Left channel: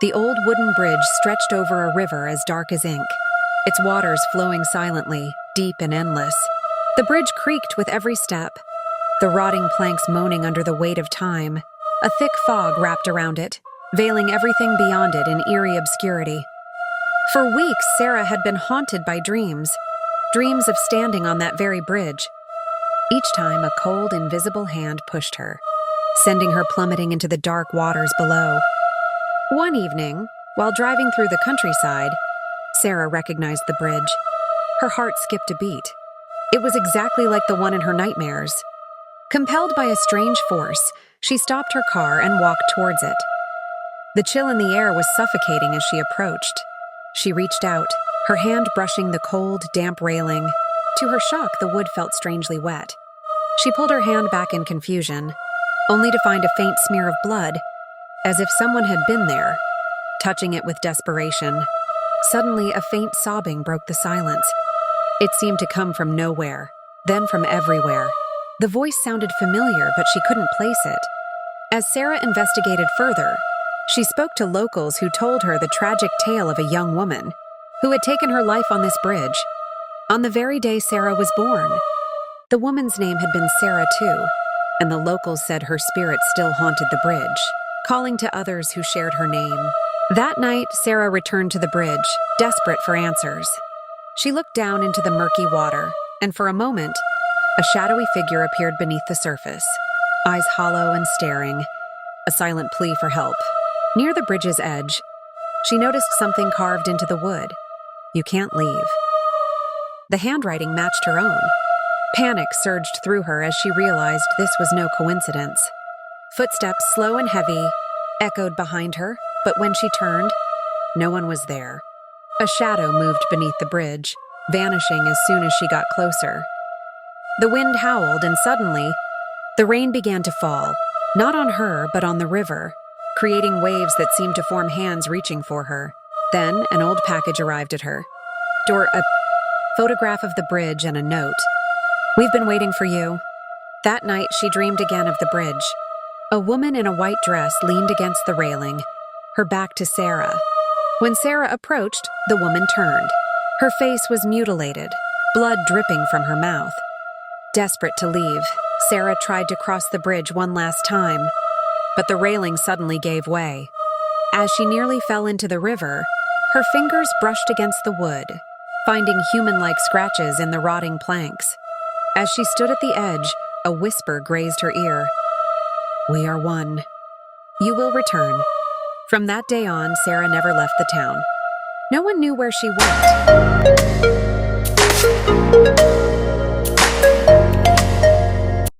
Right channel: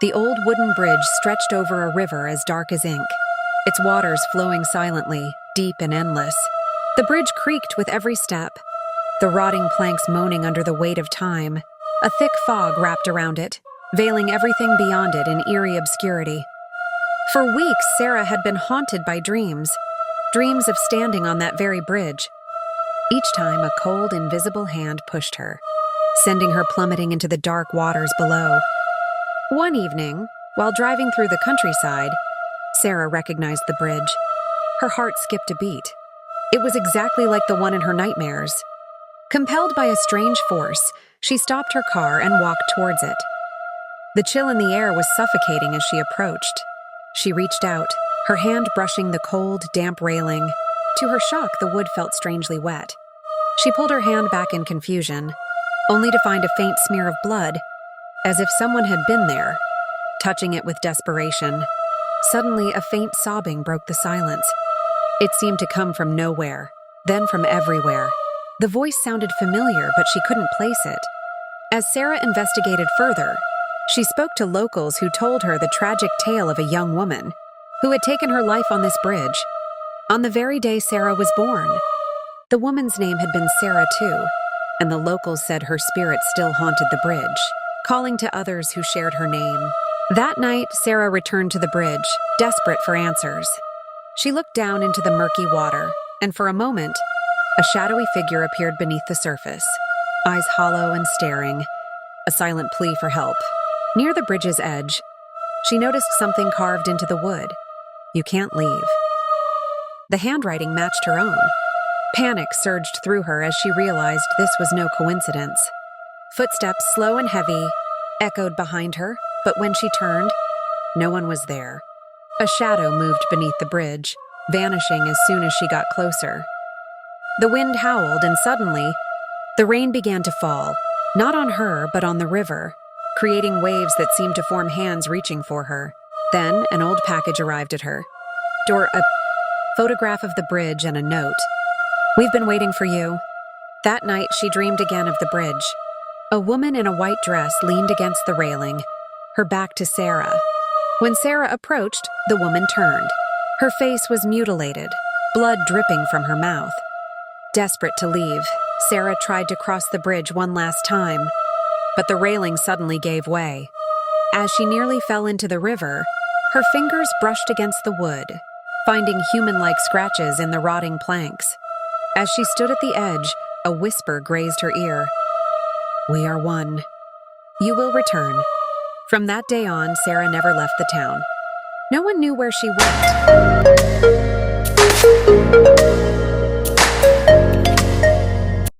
The old wooden bridge stretched over a river as dark as ink, its waters flowing silently, deep and endless. The bridge creaked with every step, the rotting planks moaning under the weight of time. A thick fog wrapped around it, veiling everything beyond it in eerie obscurity. For weeks, Sarah had been haunted by dreams of standing on that very bridge. Each time, a cold, invisible hand pushed her, sending her plummeting into the dark waters below. One evening, while driving through the countryside, Sarah recognized the bridge. Her heart skipped a beat. It was exactly like the one in her nightmares. Compelled by a strange force, she stopped her car and walked towards it. The chill in the air was suffocating as she approached. She reached out, her hand brushing the cold, damp railing. To her shock, the wood felt strangely wet. She pulled her hand back in confusion, only to find a faint smear of blood, as if someone had been there, touching it with desperation. Suddenly, a faint sobbing broke the silence. It seemed to come from nowhere, then from everywhere. The voice sounded familiar, but she couldn't place it. As Sarah investigated further, she spoke to locals who told her the tragic tale of a young woman who had taken her life on this bridge, on the very day Sarah was born. The woman's name had been Sarah too, and the locals said her spirit still haunted the bridge, calling to others who shared her name. That night, Sarah returned to the bridge, desperate for answers. She looked down into the murky water, and for a moment, a shadowy figure appeared beneath the surface, eyes hollow and staring, a silent plea for help. Near the bridge's edge, she noticed something carved into the wood. "You can't leave." The handwriting matched her own. Panic surged through her as she realized this was no coincidence. Footsteps, slow and heavy, echoed behind her, but when she turned, no one was there. A shadow moved beneath the bridge, vanishing as soon as she got closer. The wind howled, and suddenly, the rain began to fall, not on her, but on the river, creating waves that seemed to form hands reaching for her. Then, an old package arrived at her. A photograph of the bridge and a note. "We've been waiting for you." That night, she dreamed again of the bridge. A woman in a white dress leaned against the railing, her back to Sarah. When Sarah approached, the woman turned. Her face was mutilated, blood dripping from her mouth. Desperate to leave, Sarah tried to cross the bridge one last time, but the railing suddenly gave way. As she nearly fell into the river, her fingers brushed against the wood, finding human-like scratches in the rotting planks. As she stood at the edge, a whisper grazed her ear. "We are one. You will return." From that day on, Sarah never left the town. No one knew where she went.